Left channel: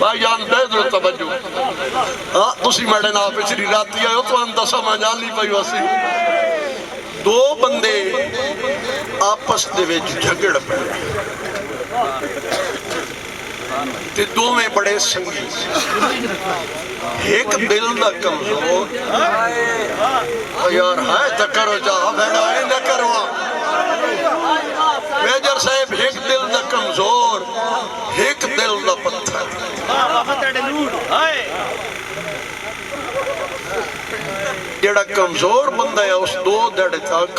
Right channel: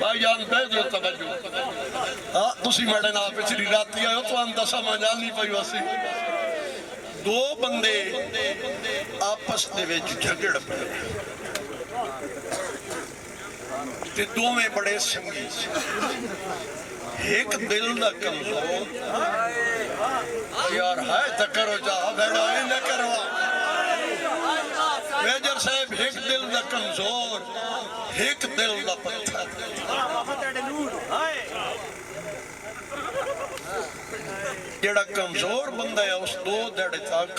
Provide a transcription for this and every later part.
भाईजान दे दो तवज्जो। हाँ तुसी मेरे नाल पिछली राती आए हो तो दसा मैं जान नहीं पाई वसी। दो बंदे आपस दे विच झगड़ पे ते दोवें बड़े संगी। एक दिल दा कमजोर यार है तो करो जा बेड़ा न करवा मेजर साहब। एक दिल दा कमजोर एक दिल दा पत्थर। जेड़ा कमजोर बंदा है उस दो दड़े तक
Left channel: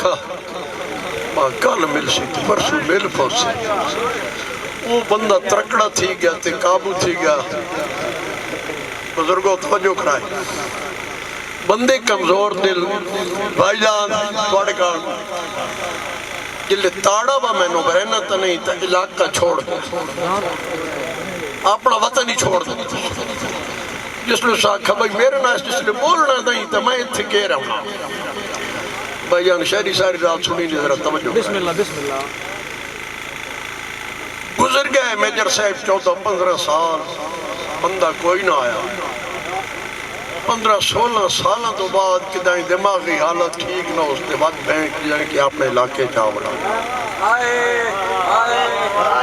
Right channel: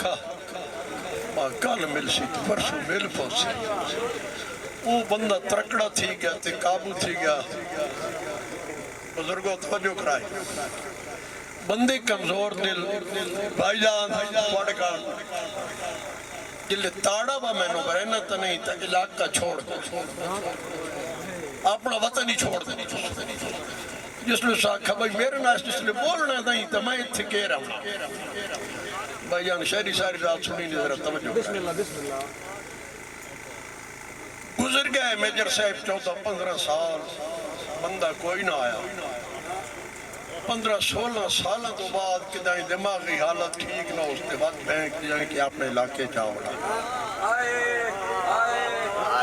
कल मिल सी परसों मिल पहुंचे। वो बंदा तरकड़ा थी गया ते काबू थी गया। बुजुर्गों तवज्जो कराए बंदे कमजोर दिल भाईजान थोड़े का जिले ताड़ा वा मैनू रहना तो नहीं तो इलाका छोड़ दे अपना वतन ही छोड़ दे। जिसने आखा भाई मेरे नाल जिसने बोलना नहीं तो मैं इत्थे कह रहा हूँ। भाईजान शहरी सारी रात सुनी नहीं जरा तवज्जो। बिस्मिल्लाह बिस्मिल्लाह। गुजर गए मेजर साहब 14-15 साल बंदा कोई ना आया। 15-16 साल तो बाद किदाई दिमागी हालत ठीक ना उसके बाद बैंक जाने कि अपने इलाके चावड़ा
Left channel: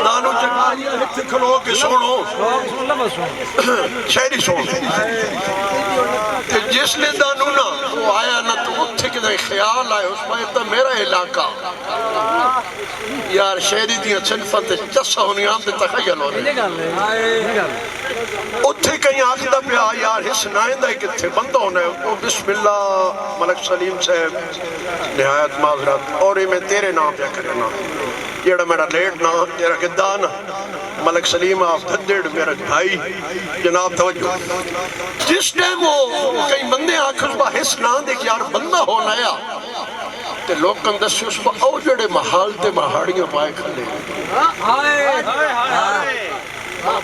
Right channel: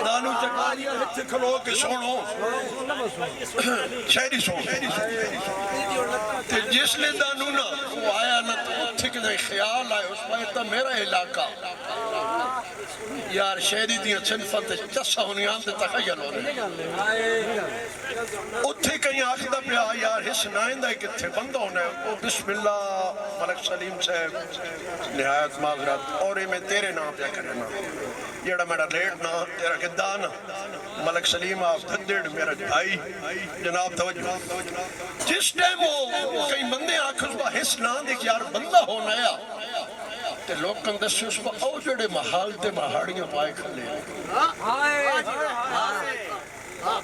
दानू चकारिया इत्थे खलो के सुनो शहरी सुनो। जिसने दानू ना वो आया ना तो उत्थे किदाई ख्याल आया उस पाए तो मेरा इलाका यार शहरी दियां सिनफां ते चस्सा होनी आंदे तखयल होने उत्थे कहीं आखदा पिया यार हिस नाइंदा किथे बंदा होना है। ओ बिस्मिल्लाह मलक सलीम साहब निहायत माजरत और मैं तेरे नाम पे करना जेड़ा मेरा लेट ना तेरा किदा ना मलक सलीम आप धद्देड़ मेरा भाई जनाब तवज्जो। जिस टाइम वो कई बंदे आखन बा हिस ना दे यार बंदा होना है ते लोकन दस्यो उस ओ जेड़े महाल ते महाड़ियां पाए खले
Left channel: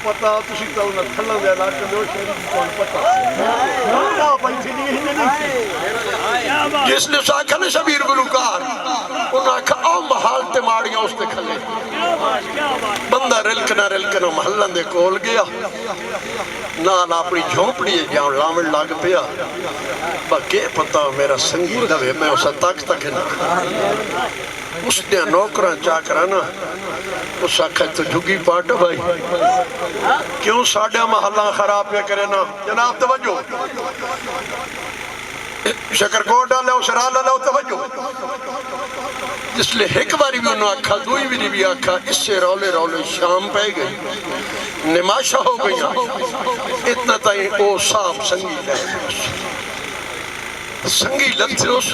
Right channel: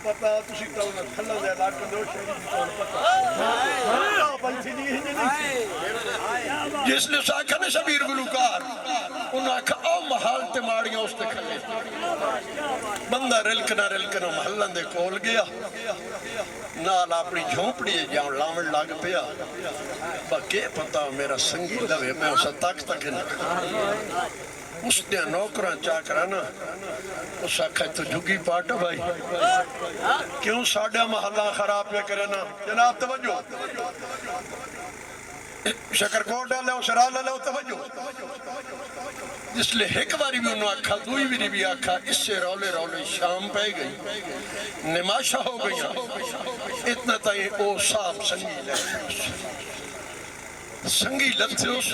पता तुसी तो न थल्ला दे इलाके दो शहर को पता ना पैसे नहीं जिसने साखा ने शबीर गुलकार उन आखा ओ महाल ते माड़ियां उसते खले बंदा रिलकना महल्ला दे कोल गया नाल अपनी झोंपड़ी जान लावण लग पिया बाके पता मेरा संगी दवे मैं उस तक ना उसने नौकरा चाकरा ना उस आखा तो झुगी पाट भाई क्यों साढ़ा महल्ला खराब पे करे ना जनाब तवज्जो। शकरकोट लो शराल लो तवज्जो। जिसले एक बारी भी उन्होंने आखा दुई बारी भी आखा इससे रौले रौले शाम पै गई निमाशा हो गई इतना ताई ओ साहब संगी लगते उस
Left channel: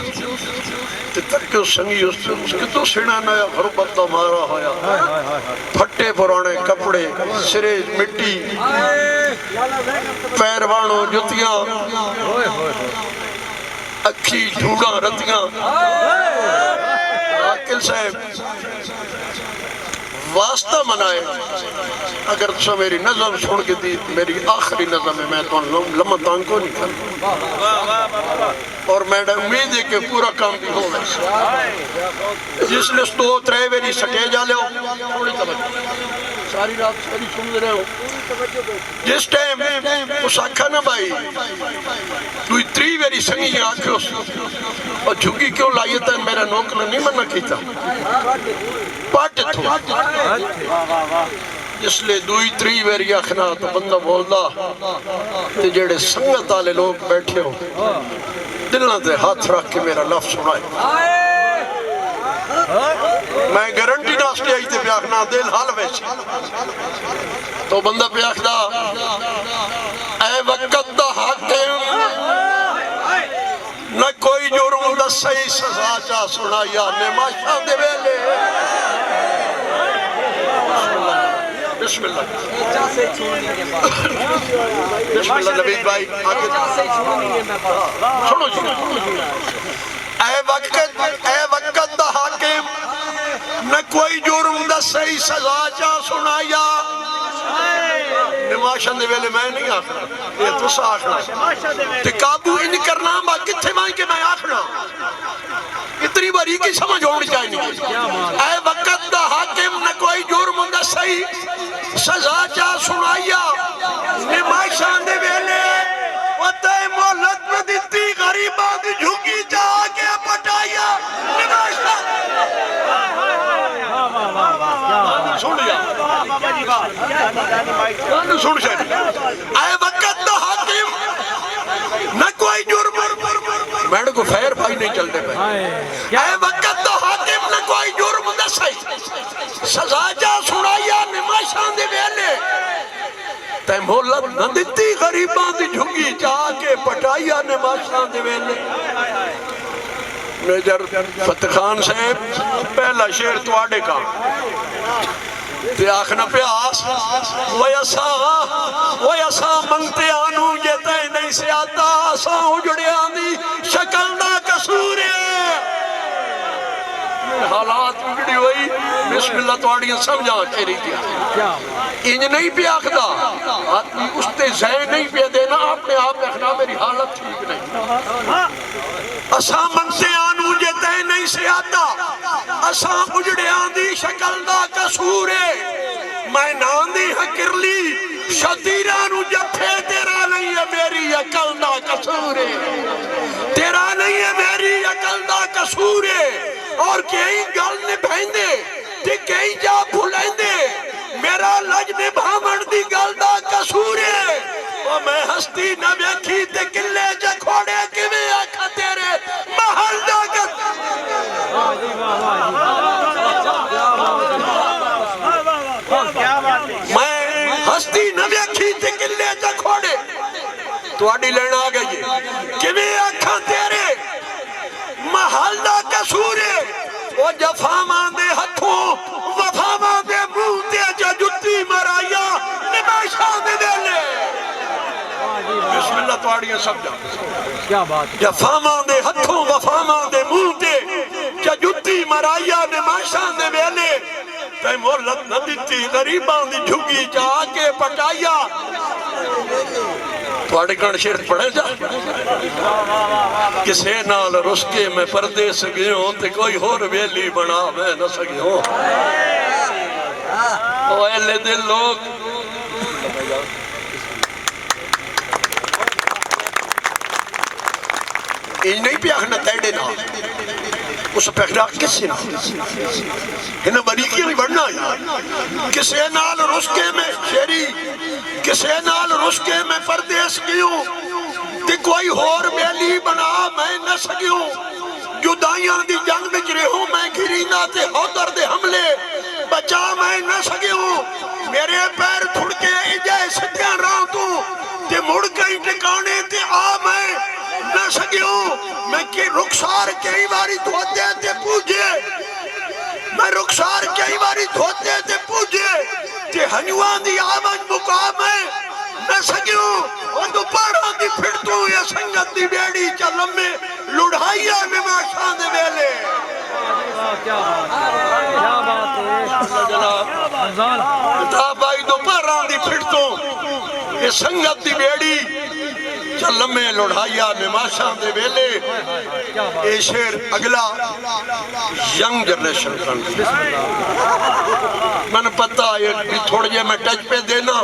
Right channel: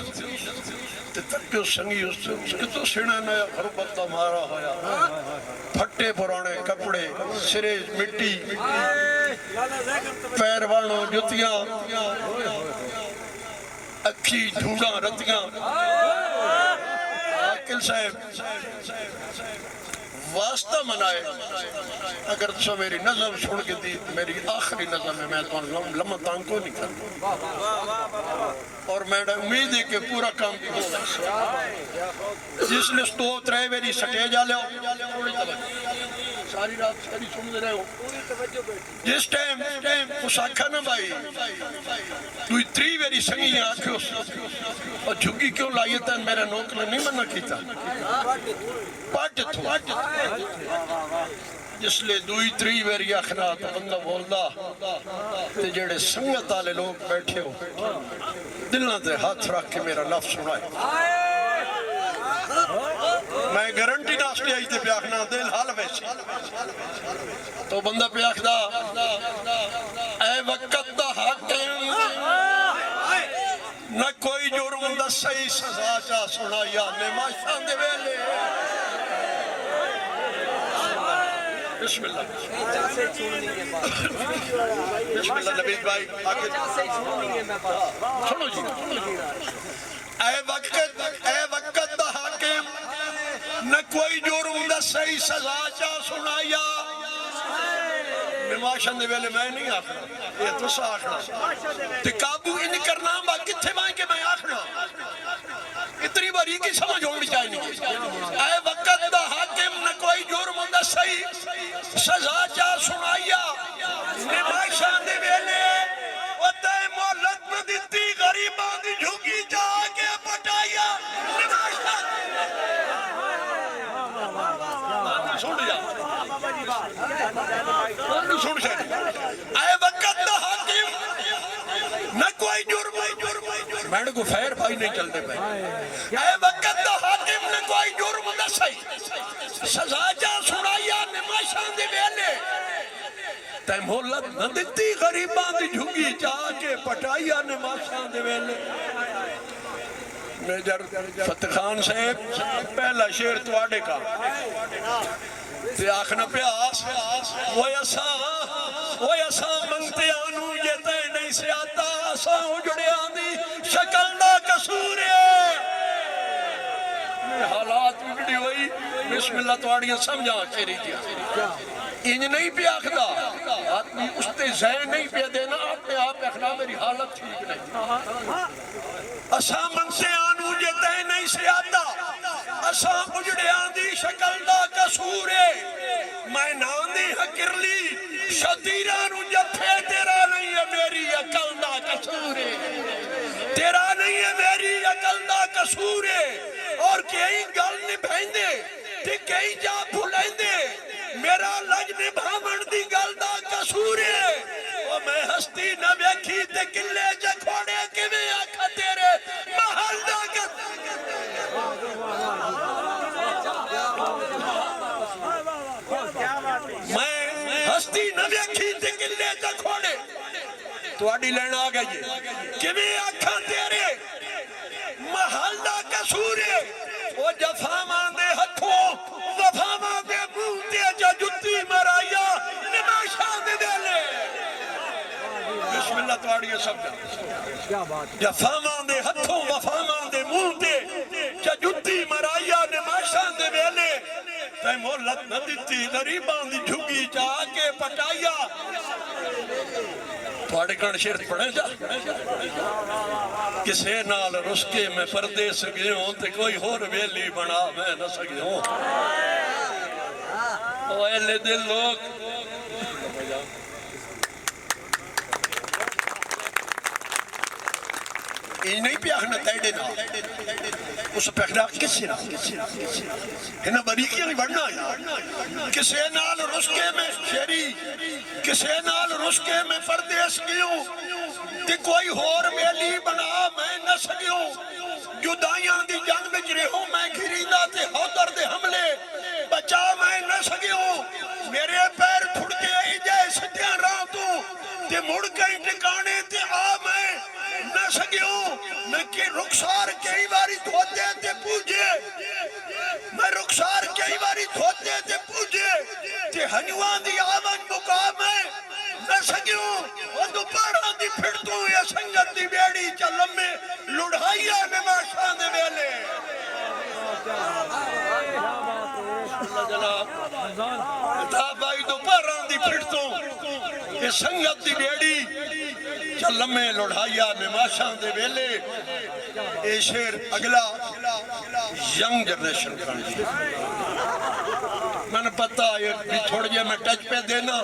तरके संगी उसके तो सिना नया गुरबत तो मारा होया फट्टे पुराने कपड़े सिरे मिट्टी पैरवाणो जुतियां अखी झूड़ा रतियां आकिल साहब वास्ता मनाए अगर तुम मेरी नज़म सुन के दी मेरी आखिरी नज़म है मैं तो लम्हा तांग को नहीं कर और मैडम उम्मीद है कि पूरा काम भी हो जिसने 2-3 बारी स्टेज आ लिया सारी रात सारी सुन रहे हो जिस टाइम उस आखा ना भाई तू 3 बारी संगी आखो और झुकी क्यों लाई था मेरा नौकर नहीं मना किया पट जिसले 2-3 बारी आखना तो बंदा बोलता जेड़े संगत वाले लोग बैठे हो दिलों से हाथ रख के मेरा लफ्ज सुनाए मैं गारंटी नास्ते आई थे प्याखना दिल हाल वैसे तो बंदा प्याखदा ऐ वक्त दा हाकिम न कोई जुर्म दा सही सजा चा सुनाया निमाशा दे वेले बिस्मिल्लाह बिस्मिल्लाह नबी भाई आगे सुनो जी ऐ वक्त दा हाकिम न कोई जुर्म दा सही सजा चा सुनाया निमाशा दे वेले मैं नहीं आखना ये तुस आखना ते काबू इन करना बा किथे मां के मैं आखना इतनी बारी की समझ होनी चाहिए ऐ वक्त दा हाकिम न कोई जुर्म दा सही सजा चा सुनाया सुन शायद आए वक्त तो हाकिम न कोई जुर्म मैंने को फैर भाई नहीं चलते पे आए वक्त तो हाकिम न कोई जुर्म दसाई सजा जा सुनाया निमाशां दे वेले ते मोहलत न दिती गरीबां दी झुगी जाके पटाइया निमाशां दे वेले मेजर फतेह खान साहब पहला शेर तुआडे का ते आखना प्यास वयसा मंगते आनू जे तै नहीं से आता असा उजड़िया दी शक्ल दा कसूर है हालात उजड़ी हुई बिस्मिल्लाह तुआड़ियां समझा के रही थी इंज नहीं पे आखदा आदमी उसते जय नहीं पे देना अपने आप रखना मेरी हालत ठीक नहीं असा मंगते आनू जे तै नहीं से आता असा उजड़िया दी शक्ल दा कसूर है मैं नांदी हकरली शतीरा नु जफे तेरा नहीं है मेरी अकल दा कसूर है तेरा नहीं है मेरी अकल दा कसूर है और कई गल निभांदे ते कई जा भुलेंदे मेरा लज निभावण दी गल दा कसूर है ओ मैं हस्ती न वेखी ते किले च खोड़े किवें आखा तेरे महल दा मैं हस्ती न वेखी ते किले च खोड़े तुहाडी लेन आ गई किवें आखा तेरे महल दा कसूर है ओ जफावां दे हथों वफावां दे मुंह ते जुत्ती मराया निमाशां दे वेले बिस्मिल्लाह तुहाड़ियां समझा क्या बात जफावां दे हथों वफावां दे मुंह ते जुत्ती मराया निमाशां दे वेले ते मोहलत न दिती गरीबां दी झुगी जाके पटाया तुहाडे कण शेर पढ़े जा किसे नाल रुस के मैं परदेस गयो ते कोई होर वेली बना मैं न सकियो ओ एले दे लोग इन नहीं प्याखना तेड़े ना उस पैखड़ा किसे ना इन बरीकी नहीं बढ़ना किसे नाल रुस के मैं शेरी किसे नाल रुस के मैं परदेस गयो ते कोई होर बेली बना मैं न सकियो जुदाइयां दी जंग विच रहूं मैं घिरींदा ते होदर दे हमले बचा मैं न सकियो मेरे पैर थुड़के इजे सिद्धियां राह तू ते मुड़ कई ठिकाने ते आ मैं न सकियो मैं के रुखसार कई बारी धोते ते पूजे मैं रुखसार कई बारी धोते ते पूजे ते हनुआ दी आवाज मुकाम है न सकियो ओ तू पहाड़ां दी फिर तू ये संगत दी बेड़ी च लम्बे लुढ़ाइया निमाशां दे वेले क्या बात है जनाब भाई तो पहाड़ां दी फिर तू ये संगत दी बेड़ी लम्बे लुढ़ाइया निमाशां दे वेले ए शेर अगला यंग जनरेशन का मैंने पता है थोड़े जे मैं टच पे देना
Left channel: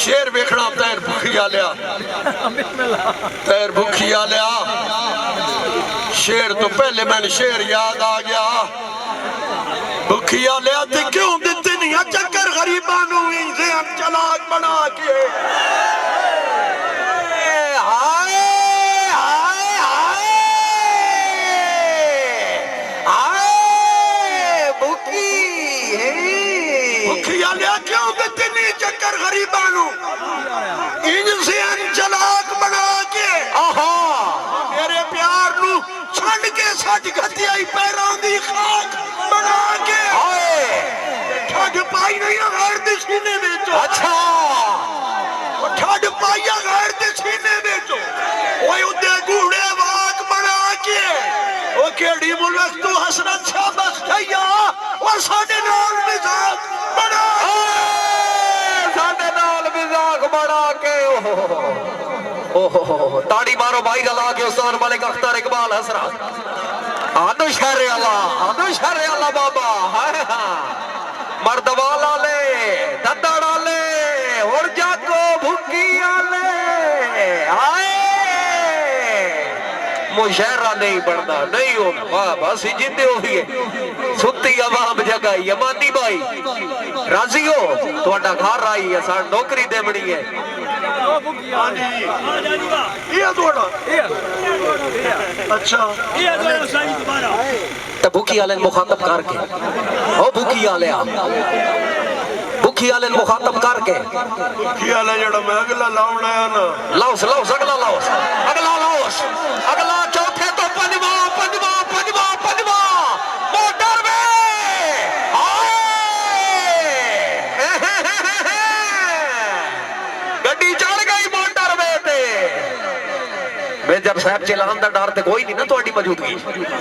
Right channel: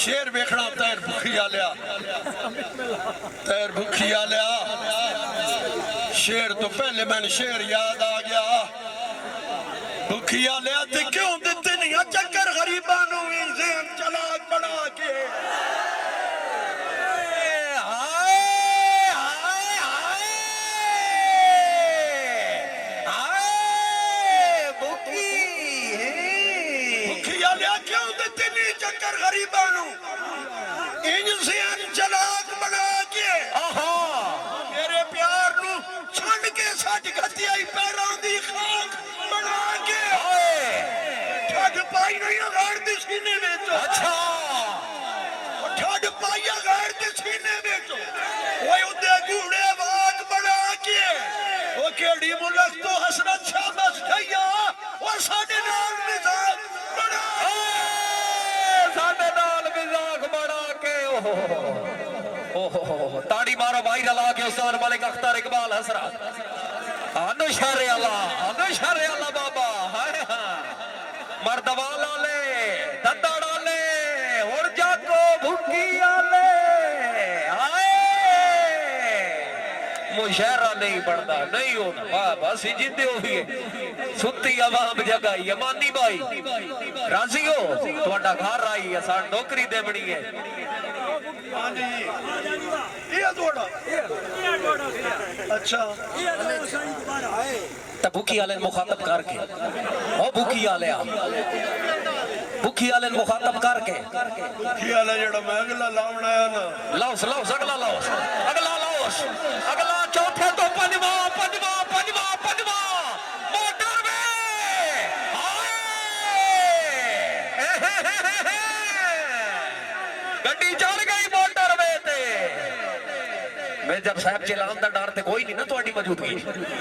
शेर वेखना तैर भुखिया लिया तैर भुखिया लिया शेर तो पहले मैंने शेर याद आ गया भुखिया लिया ते क्यों दिते नहीं चक्कर गरीबां नू इंसान चलाक बना के हाय हाय हाय हाय भुखिया लिया क्यों दिते नहीं चक्कर गरीबां नू इंसान चलाक बना के आहा मेरे प्यार नू छंड के सच घतियाई पैरां दी खाक बना के ठग पाई नहीं गैर दे सीने बेचो अच्छा ठग पाइया गैर दे सीने बेचो ओए उदे घूड़े वाक बना के ओ केड़ी मुल्क तू हसरत शाबाश खैया और साडे नाल मिजाज बना साडे नाल मिजाज बना के ओहो ताड़ी मारो भाई रला के उस्ताद मालिक अख्तर इकबाल हसरा आदो शहर अल्लाह बाबा हाय हां मर्द वाला ले ददड़ा ले और जाको भुकी आले हाय मुशहरा नहीं बनता नहीं होना वाह बस जिंदे हो ही सुती आवाम जगाई अमानी भाई राजी हो थोड़ा घर आई है सा नौकरी देवनी है अच्छा तो भूखी वाले मुखातब करके ओ भूखी वाले भूखी वाले मुखातब करके भूखी वाला जड़ा मैं अगला लावना है ना लाओस लाओस अगला लाओस अगला लाओस अगला चौथे तो पंजवा पंजवा पंजवा पंजवा मोटर में गड्डी चढ़ गई मोटर में मैं जब साहब चलान का डर तो कोई नहीं ना थोड़ी मौजूदगी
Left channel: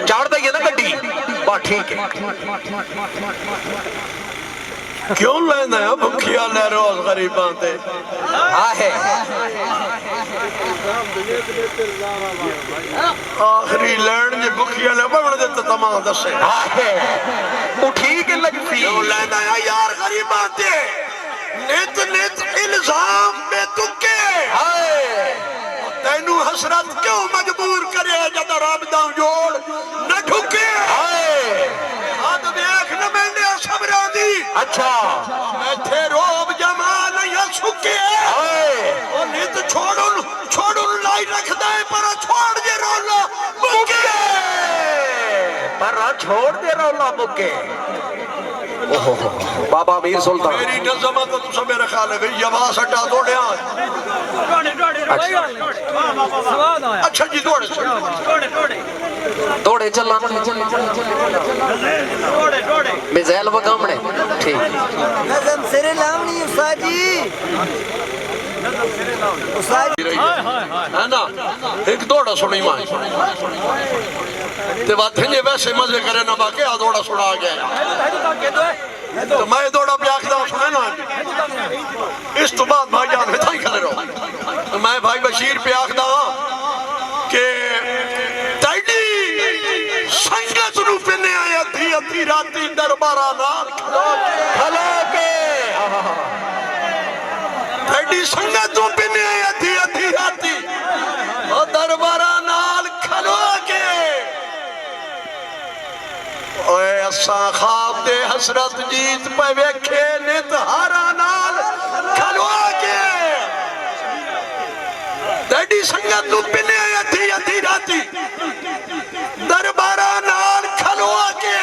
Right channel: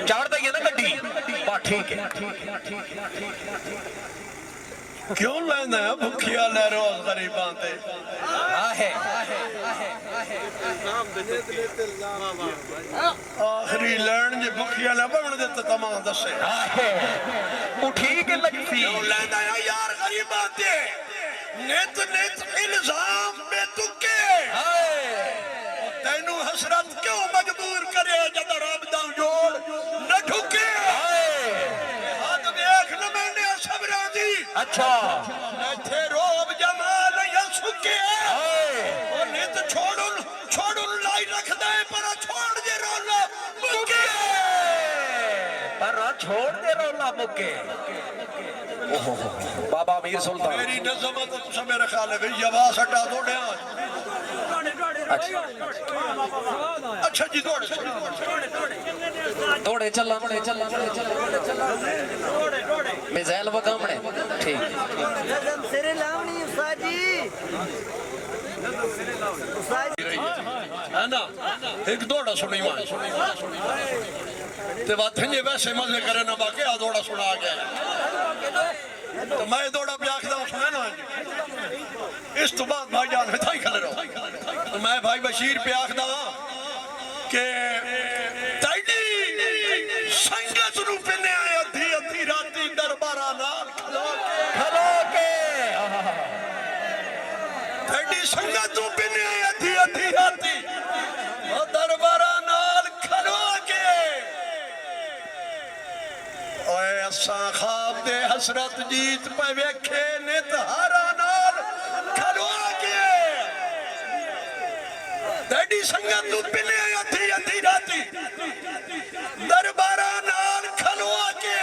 चढ़ दी है ना गड्डी बस ठीक है क्यों लेना है भुखिया ले रोज गरीबां ते आहे आखिरी लैंड जे भुखिया ने बवण दे तो तमा दसे आहे वो ठीक लगती क्यों लेना है यार गरीबां ते नित नित इल्जाम में तुके हाय तैनू हसरत क्यों मजबूर करे जद रब दा जोड़ न ठुके हाय हाथ देख न मैंने सबरा दी अच्छा इथे रोब जमा नहीं सुके हाय ओ नित छोड़ू लाई रखदा है पर छोड़ जे रोला मुके पर छोड़ दे रौला मुके ओहो बाबा मीर सुल्तान मेरी नज़म तो तुसा मेरा ख्याल है भाई यवास हटा दौड़े अच्छा जी दौड़े दौड़े चलना मिसाइल वकामने ठीक नज़म सिरे लावनी उस्ताद जी उस्ताद है ना एक दौड़ा सुनी मां ते बात है वैसे मजे करे ना बाकी आ दौड़ा सुना गया तो मैं दौड़ा पे आखदा सुने ना इस तो बाद भाईजान में थाई खड़े रहो तो मैं भाई बशीर पे आखदा के ताईडी संगत नु पने आया थी अधी राती दरबारा नाल खलो के ताईडी संगत नु पने आया थी अधी राती ओ दरबारा नाल खलो के ओए असा ख्वाब दे हसरत जीत पे वेखे नित हारा नाल खलवा के तेरी संगत नु पिने अधी अधी राती दरबारा नाल खलवा के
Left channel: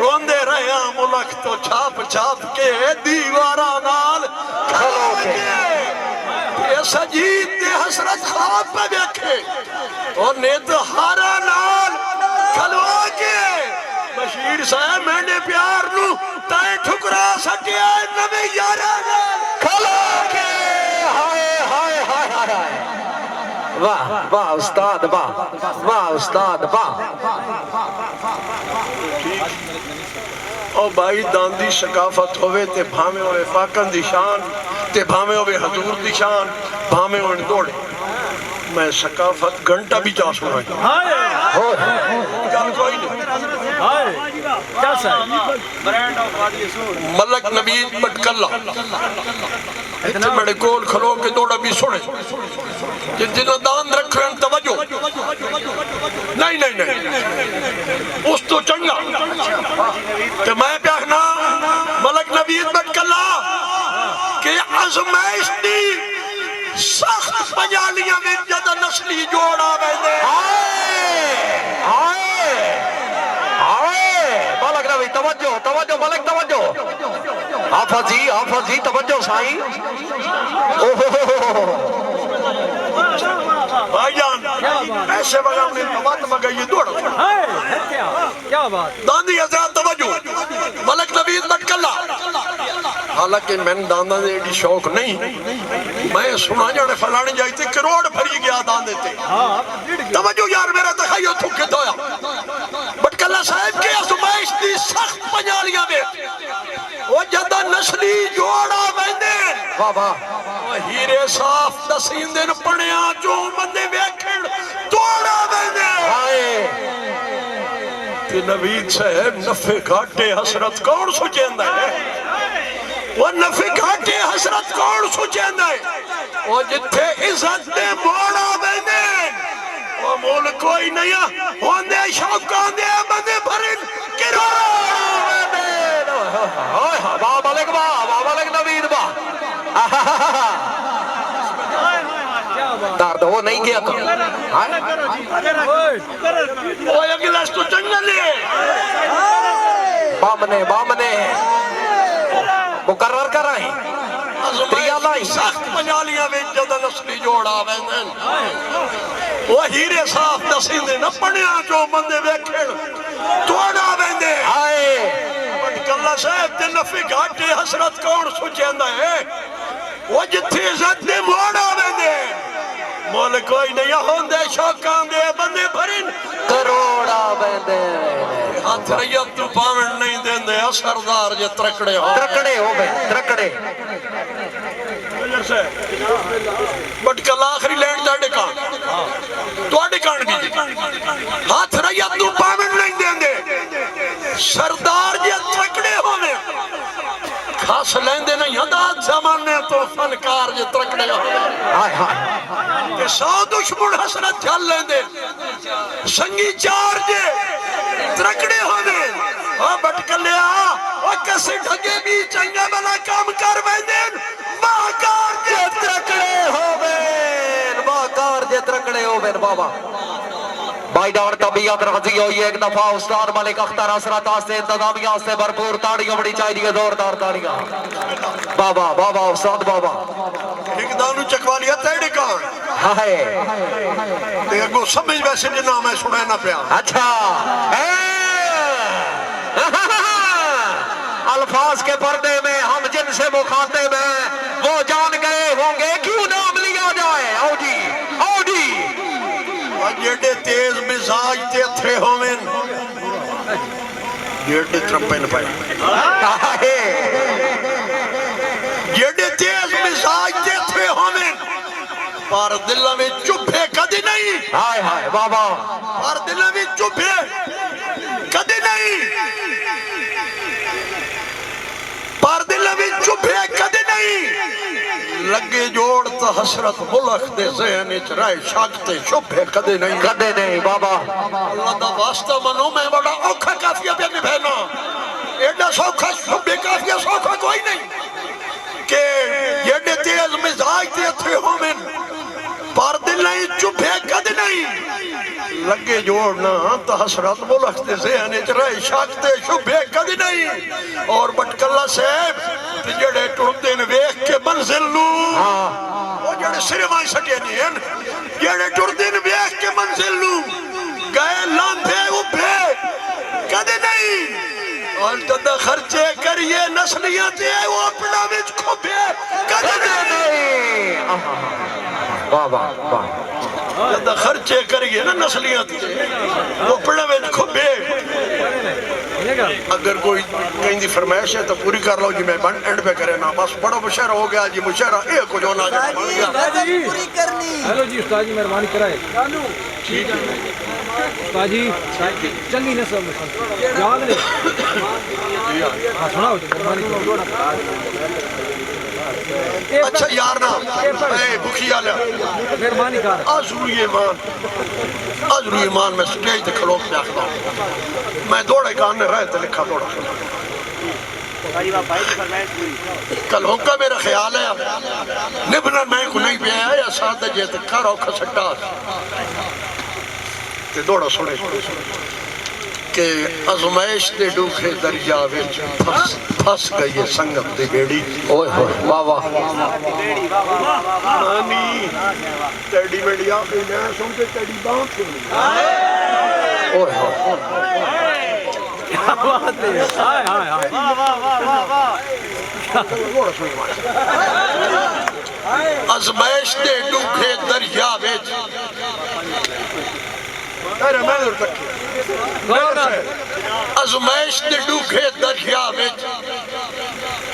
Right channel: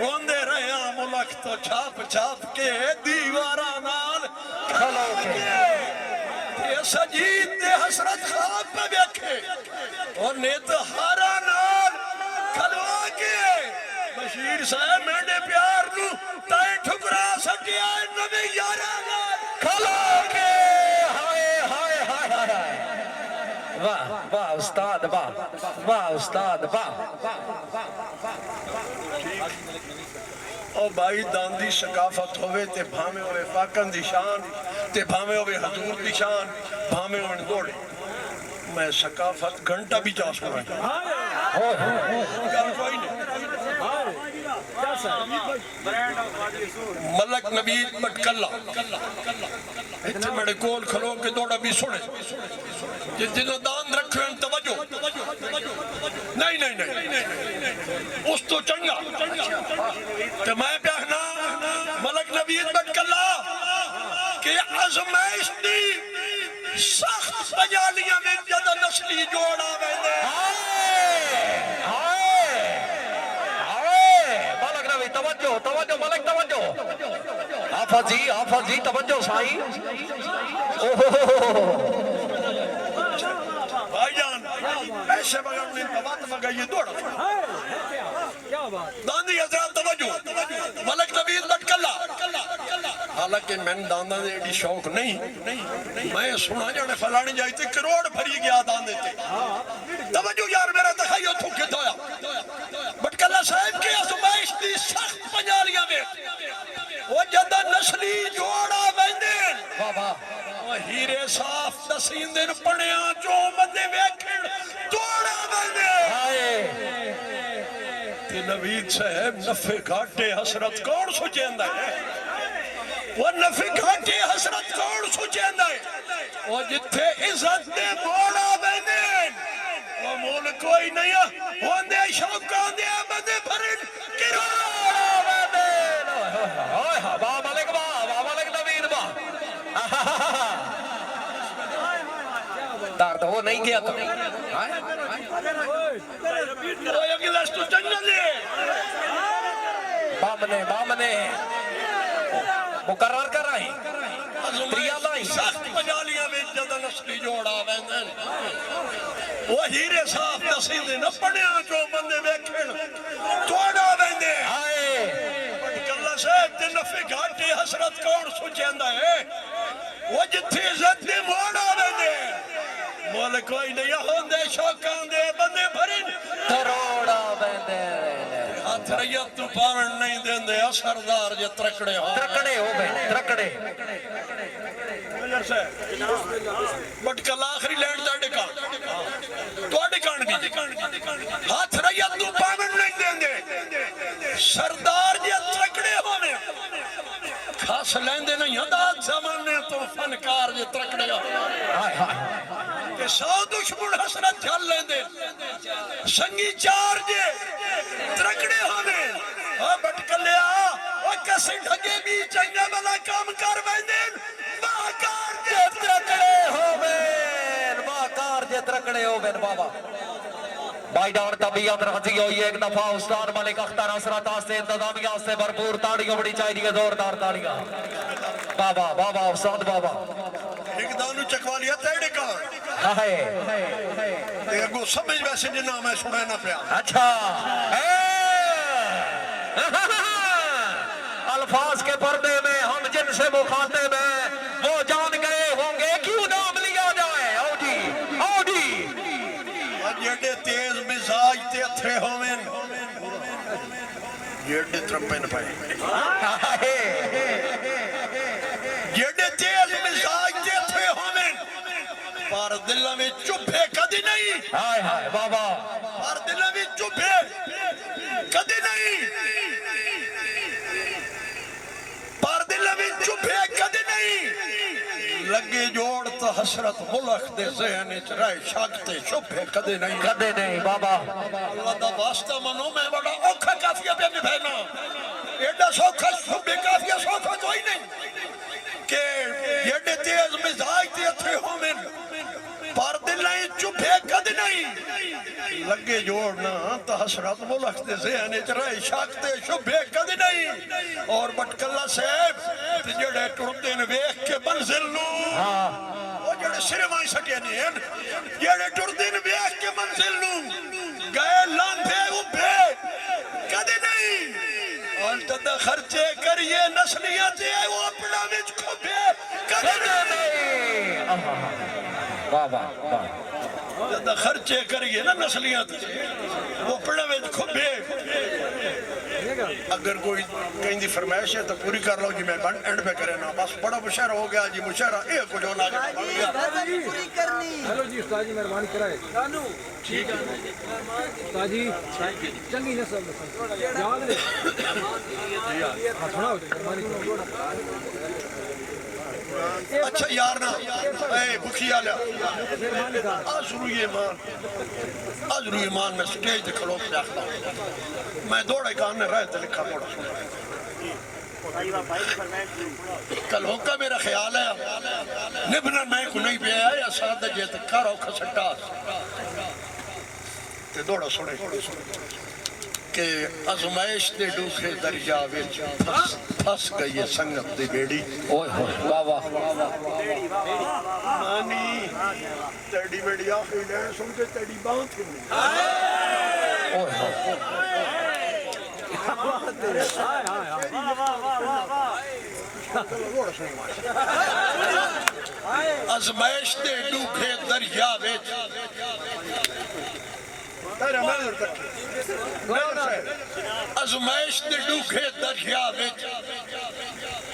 रोंदे रहे मुल्क तो छाप छाप के दीवारा नाल खलो के ऐसा जीत दे हसरत ख्वाब पे वेखे और नित हारा नाल खलवा के बशीर साहब मैंने प्यार नू ताई ठुकरा सकिया नवे यारा खलो के हाय हाय हाय हाय वाह वाह उस्ताद वाह वाह उस्ताद वाह ओ भाई दांदी सकाफत होवे ते भावे होवे फाकन दी शान ते भावे होवे हजूर दी शान भावे होवे दौड़े मैं सकाफत घंटा भी जा सुना कोई नहीं मलक नबीद पटकल्ला इतने बड़े गोल खलो के दौड़ा भी सुने जिन्होंने दान रखे तवज्जो नहीं नहीं नहीं उस तो चंगा कि मैं प्याखना मलक नबीद पटकल्ला के आजमाइश दी सख्त पंजालियां में जद नस्ली जोड़ा वेंदे तवज्जो तवज्जो मलक तवज्जो हाफिज जी तवज्जो साईं ओहो भाईजान ऐसे बगाने तवत मगई दौड़ क्या बात दांदी हजरत तवज्जो मलक नबीद पटकल्ला हालांकि मैंने दांदा दे एडी शौक नहीं मैं सुना जाने फलाने जाते करोड़ भरी गया दांदे ते तवज्जो यार मेरा तखय्युल थुके दोया पटकल्ला साहब के आजमाइश दी सख्त पंजालियां में वो जदा नस्ली जोड़ा वेंदे वाह वाह हीरे साफ दसींदे न पणिया जो बंदे वेखण तोड़ा वेंदे हाय ते नबीद साहब नफे घाटे हसरत कौन सोचेंदा है वो नफे घाटे हसरत कौन सोचेंदा है वो जिथे इज्जत दे मोड़ा वेंदे वो मोल कोई नहीं होंदे शौकां दे बंदे भरन बाबा लेक नवीद बा दर्द वो नहीं गया अगला तो जंगल है बामने मुकर्रर कर रहे सख्त पंजालियां में जद नस्ली जोड़ आवे वो हीरे साफ दसींदे न पढ़िया जो बंदे वेखण तोड़ा वेंदे हाय कल्ला साहब ते नफी घाटे हसरत कौन सुचेंदा है वो जिथे इज्जत दे मोड़ आवेंदे मोल कोई नहीं होंदे शौकां दे बंदे भरन करोड़ा बेंदे हाथ रैयत तू पावण नहीं देंदे सरदार जे त्रकड़े हो त्रकड़े बट कल आखिरी लैंड जाडे कान तोड़े कान की हाथ रैयत तू पावण नहीं देंदे सरदार जे त्रकड़े होवे खास लेंदे नहीं हदात जमाने तो फनकार जे त्रकड़े होवे हाय हाय ते सौ दुश्मन हसरत झल लेंदे संगी चार जे त्रकड़े होवे ओ बटकलिया ओ कसे ढगे भी चंगा भला काम कर वेंदे माकार जे त्रकड़े होवे बाबा भाई डाउन तबीयत राजी हुई एक दफा उस्ताद मलिक अख्तर हसरत से इंतजामिया से भरपूर ताड़ियां बड़ी चाहिए जोरदार ताड़ियां बाबा उस्ताद बाबा एक दानू चकवा लिया तेरे कान हाय ते अगो समझ वैसे जे नाम है सुना ना पिया अच्छा अल्फाज के पर्दे में हम जिनसे मुखातिब हैं वो जान गए होंगे क्यों नाम लिया जाए आओ जी जेडे तेज मिजाज ते थे होवेन जेडे त्रपन पाए जेडे तेज मिजाज ते थे होवेन पर दिल में चुभे कदी नहीं हाय हाय बाबा पर दिल में चुभे कदी नहीं पर दिल में चुभे कदी नहीं लगे जोड़ तो हसरत मुल्क दे ज़हन च रहे शागते शुभे कदे नहीं बाबा अल्लाह दा वास्ता मनो मैं बड़ा औखा काफिया पे निभाना एडा सौखा शुभे काफिया सौखा कोई नहीं के जेडे तेज मिजाज ते थे होवेन पर दिल नहीं चुभे कदे नहीं लगे जोड़ ना तो हसरत मुल्क दे ज़हन च रहे शागते शुभे कदे नहीं और बटकल्ला साहब जेड़े टुरदे ने वेख के मंजिल नू ओ जेड़े सिरे माई सके नहीं हैं जेड़े टुरदे ने वेख के मंजिल नू गए लांधे उभे कदे नहीं और जद खर्चे करिए नस्लियां ते वो अपना विच खोबे कदे नहीं बाबा जद खर्चे करिए ना नस्लियां ते वो अपना विच खोबे अगर कोई कहीं दी फरमाइश है तो पूरी कर लो जी मैं बन एंड पे करे ना बस बड़ा मुशहरा हो गया जी मुशहरा ए कुछ होना पूरी करनी हेलो जी उस्ताद जी मेहरबानी कराए ठीक है उस्ताद जी चंगी ने सब याद ले हां सुनाओ मेहरबानी अच्छा यार ना ए भुखिया ले मेहरबानी कर आजरू ईमान मैं स्टेज पे खड़ो के आखता हूं मैं दौड़े कान रहे तो लिखा दौड़ा कल होगा मेरा ख्याल है निभना मैं को नहीं पे आया सादा जे ते करो खसटा ते दौड़ा सुने के आजमाइश दे डूखे दरिया विच फस गई है संगत दी बेड़ी ओए होए वाह वाह नानी तेरी बेड़ी आ गई ना सुन के तेरी बात सुन ओए होए क्या बात है हाय हाय वाह आजमाइश दे डूखे दरिया विच अरे मैं उधर तक आजमाइश दे डूखे दरिया विच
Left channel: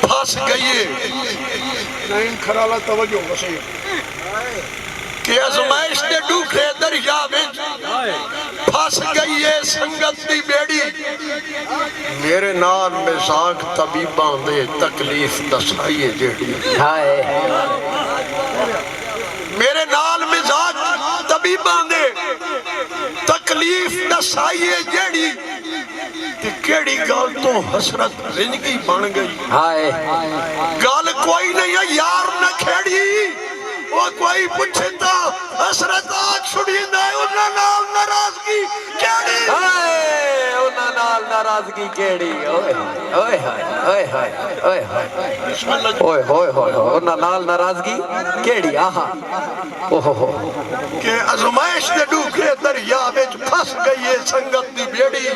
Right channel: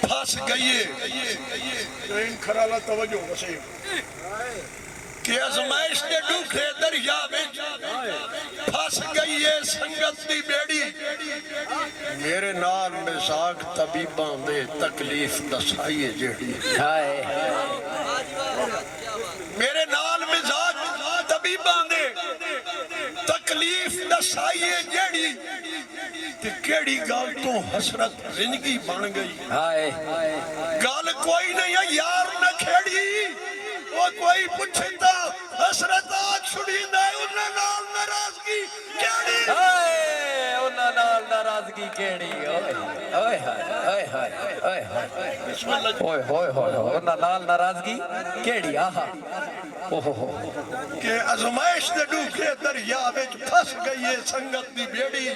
फंस गई नहीं खराला तवज्जो वसी के आजमाइश दे डूखे दरिया विच फंस गई है संगत दी बेड़ी मेरे नाल मिजाक तबीबां दे तकलीफ दसाई जेड़ी हाय मेरे नाल मिजाक तबीबां दे तकलीफ दसाइए जेड़ी ते केड़ी गल तो हसरत जिंदगी बन गई। हाय गल कोई नहीं है यार न खेड़ी वो कोई पूछे तो हसरत आग छुड़ी ना उन्ना नाल नाराजगी केड़ी उन्ना नाल नाराजगी केड़ी ओए ओए ओए ओए ओए ओए ओए ओए उन्ना नाल नाराजगी केड़ी आहा ओहो के आजमाइश दे डूखे दरिया विच फस गई है संगत दी बेड़ी।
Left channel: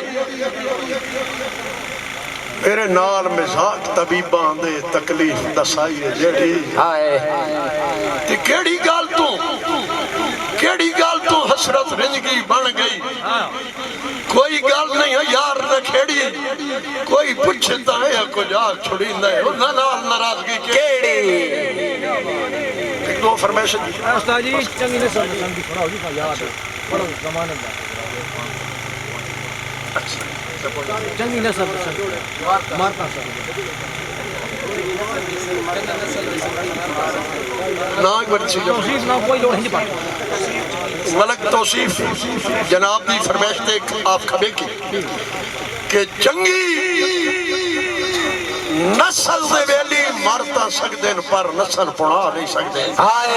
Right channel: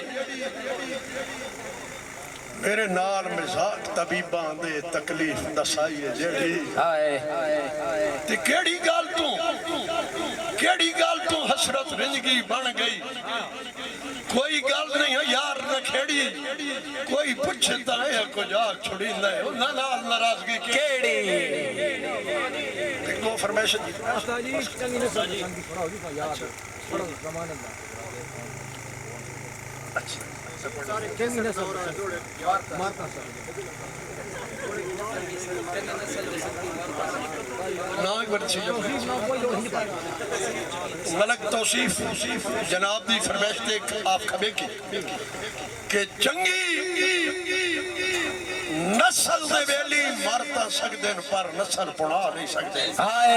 मेरे नाल मजाक तबीबां दे तकलीफ दसाई है जेड़ी हाय ते केड़ी गल तो हसरत जिंदगी बन गई। कोई गल नहीं है यार न खेड़ी कोई पूछता है कुछ आग छुड़ींदा है उन्ना नाल नाराजगी केड़ी दो फरमाइश उस्ताद जी चंगी ने संगी थोड़ा हो जी याद बड़ा जमाने दा चंगी ने सब मारता सब ना बच्ची तौसीफ ना कोई लोड़ नहीं पाता मलक तौसीफ जनाब दी फरमाइश ते आप खबे की के चंगी नस्ल दे वेली मरता सकदे पर नस्ल पुणा नहीं सकदे। हाय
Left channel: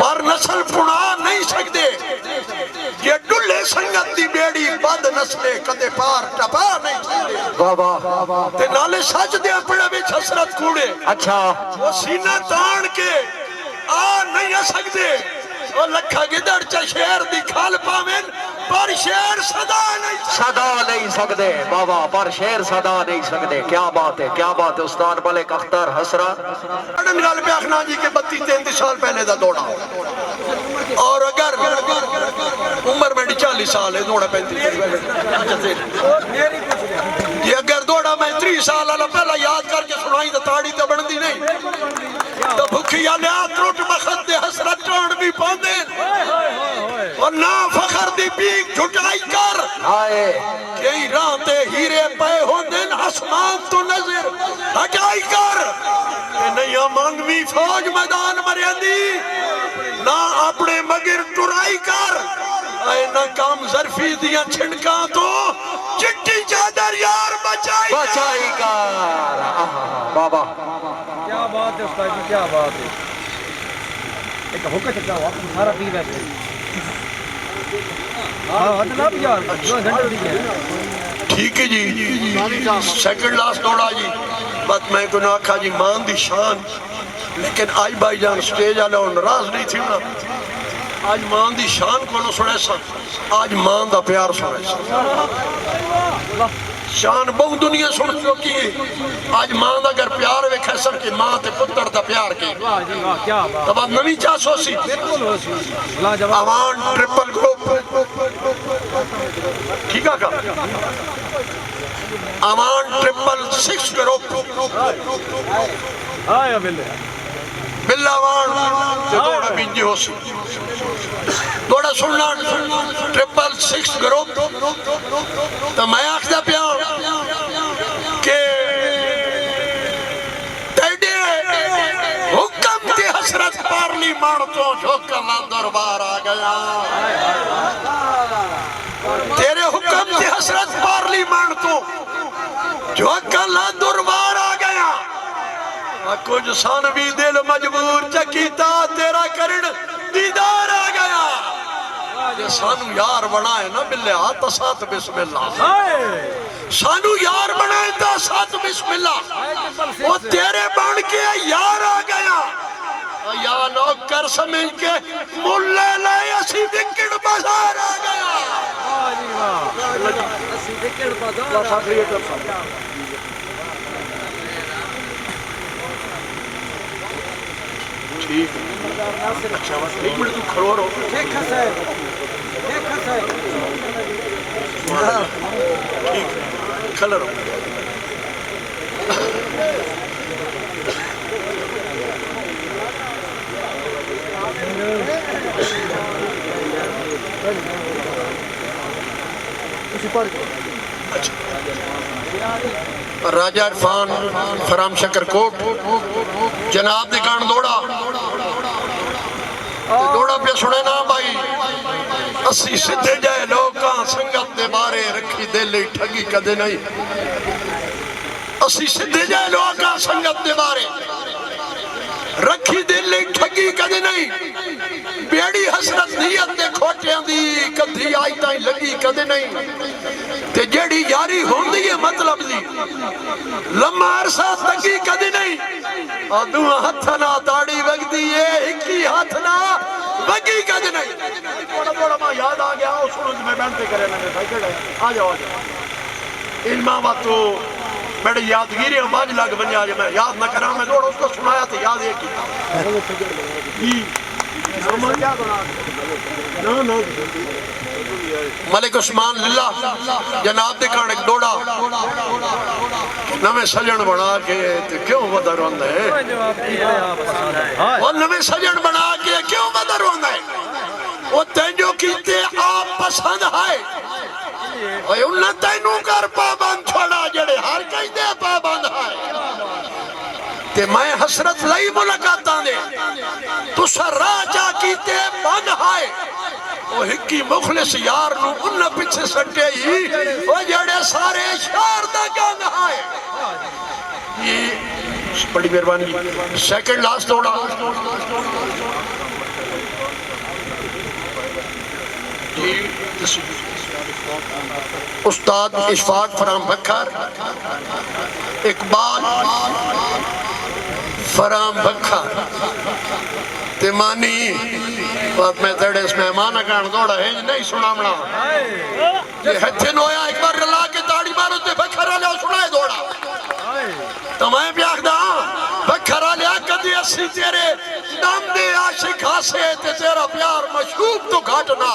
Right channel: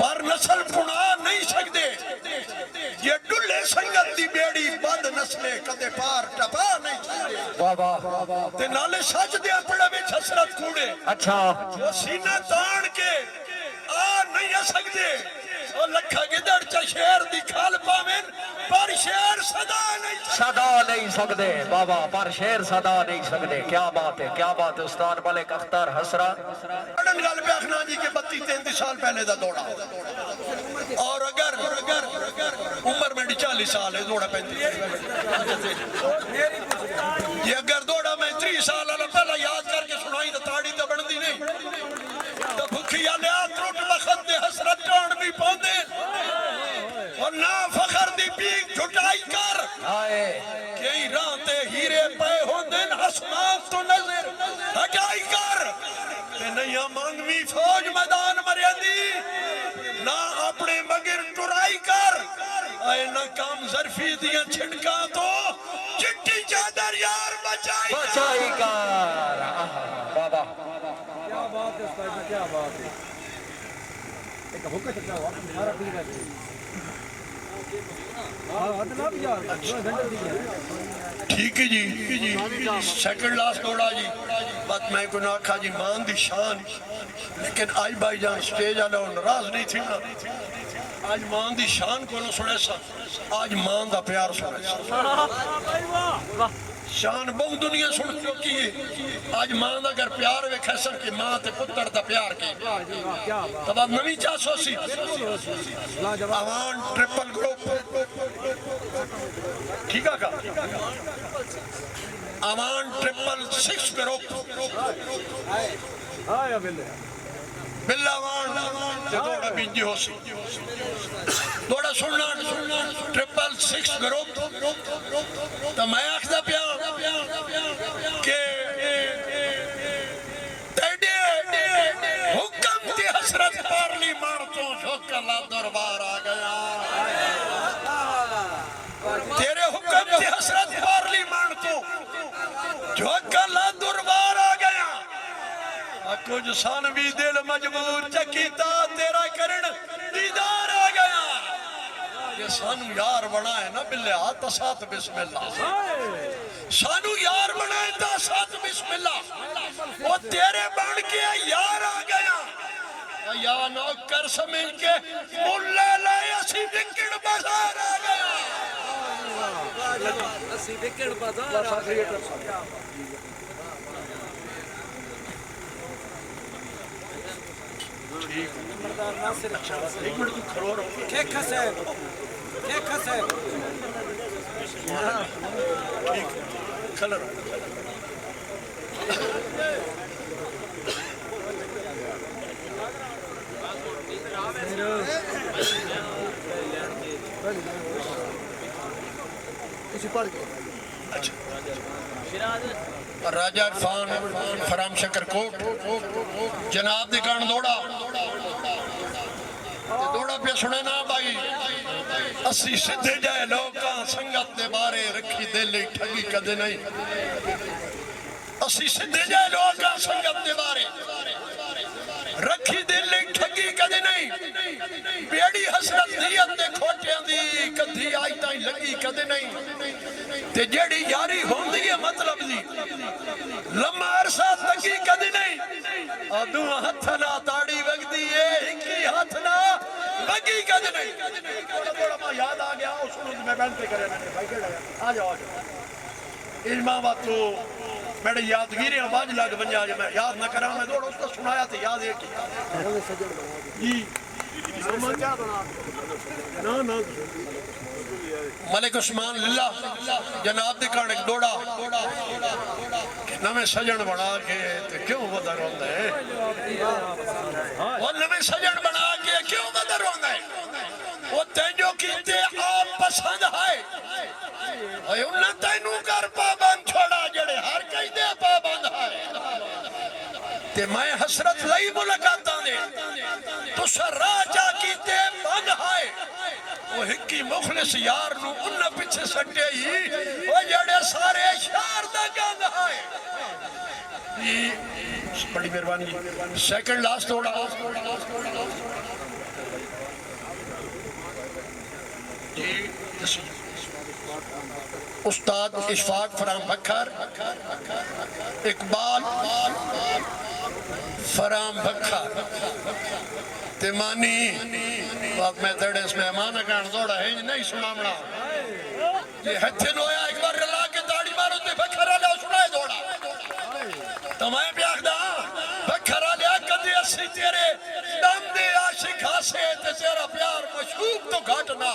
पर नस्ल पुणा नहीं सकदे ये डुल्ले संगत दी बेड़ी बद नस्ले कदे पार टपा नहीं सकदे। वाह वाह ते नाले सच दे अपने विच हसरत कूड़े अच्छा वो सीना तान के आ नहीं आ सकदे वो लखा गिदड़ च शेर दी खाल पावें पर शेर सदा नहीं सकदे बाबा पर शेर सदा नहीं सकदे। क्या बात है उस्ताद मलिक अख्तर हसरा अड़न गल पे आखना जी के 32-33 साल पहले दा दौड़ा और अगर उम्र में 40 साल है दौड़ा 35 ये अगर दौड़ा मैं 30 साल वाला पहला याद करके सुनाई तो ताड़ी तो बनती नहीं तो भुखी आलिया त्रुट बखत दे हसरत टोड़ भी पाउंदे और ना फखर दी पीक झुटाई कर हाय कई राह ते हीरे पे होंदे आसमान तो नजर हटाई कर ते नहीं मांगवी फौज मैदान मरियांदी ना अपने मगर टुराई कर ऐ ना काम जरफी दियां छिड़का तो चिट्टी चादर यार बचाई कर बाबा क्या बात है उस्ताद जी क्या बात है एक हुक्का चचा हुआ सारा पी बैठे हां अदना भी यार जो घंटे दी है ठीक है जी सेकंड लास्ट दौड़ा जी बात मैं को ना आखा जी मान दी शान लेकिन आज भाईजान स्टेज वाला नाराज नहीं थी ना आज मान दी शान को सुने सा आज मान दा प्यार सुने सा शान बहु दुनिया सुन चुकी है आज मां दा अगर प्यार वेखा सब की मां ते पुत्र दा प्यार की वाह जी वाह क्या बात तब नवी चासोसी बिल्कुल लाजवाब अवान ट्रिपल ग्रुप ठीक है का अवान 666 ग्रुप आया बिल्ले बिल्लावान ते दौड़ा बिंजी होसी दौड़ा सुनना 666 ग्रुप तो मैं आखदा प्यार के तेरे हुक्म की हसरत पारली मार तो झोंका दरबार आ गया तेरे हुक्म की हसरत पारली मार तो झोंका दरबार आ गया कुछ सन भी दिल मजबूर चकीता तेरा करण दीदार आ गया ये सानू यार बनाए ना बिल्ले हाथ साथ बिस्मिल्लाह सानू यार बनाए तो साथ बिस्मिल्लाह वो तेरे बन के यार आ गया या नौकर समझ के मुल्ले लाए असी विकट बाजार आ गया ਅਸੀਂ ਦੇਖਣ ਬਾਜ਼ਾਰ ठीक अच्छा एक मिनट तू खड़ो रहो शेख साहब ठीक खड़ा रहो राजा इरफान फराम शकरकोट जनाब दी कान दौड़ा पे सुने ना भाई असी सीधे जाए लोग संगत दे बारे रखी दिल ठगी कदे नहीं असी सीधे जाए लोग संगत दे बारे रखी दिल ठगी कदे नहीं बेड़ी हसरत नीयत दे खोटियां दी कदी आई ताई लगी कदे नहीं ते जेड़ी यारी होंदी है मतलब दी लम्मा अरसा तकी कदी नहीं अदू हथ ना ताड़ी वगदी है इकी हाथ ना वगी कदी नहीं थोड़ा थोड़ा मैं याद आ गया उस मैदान पे करे मैंने भाई केड़ा आ जाओ इल्मा बातो मेरे यादगिरी बाज लग बन जाए मैं याद ना करा मैं थोड़ा उसको सुनाया तो याद है ना मलिक उस्मान लिल्ला जनाब दे कान एक दौड़ा नवे सजन बना के क्यों बदर होंदा है और नवे सजन बना के क्यों बदर होंदा है वो तेजो कीते आप पसंद है ओए उन्ना तैनू कर पाबंद छोड़ा जड़े हर कई दे पाबंद है ते मैं हसरत लई मुलाकातां दे तुसा राजा कीते बंद है ओ हिक्की मुखलिस यार नु उन्ना पीछे सटे ही ओ जड़े सारे शहर दा गंग है ये बड़ी मेहरबानी सेकंड लास्ट थोड़ा उस्ताद इशफाक फराम बखर इकबाल फराम बखर तिमानी बात में तेरे इस मेहमान का दौड़ा है नहीं सुनामना ये हथे नोया एक बार रला के ताड़ी मारो ते बखर ले सुनाए दौड़ा तो मैं भी आखदा बखर ले कदी असी तेरे दम दे आशिक हासे ते तेरा प्यार मशूक तो घटना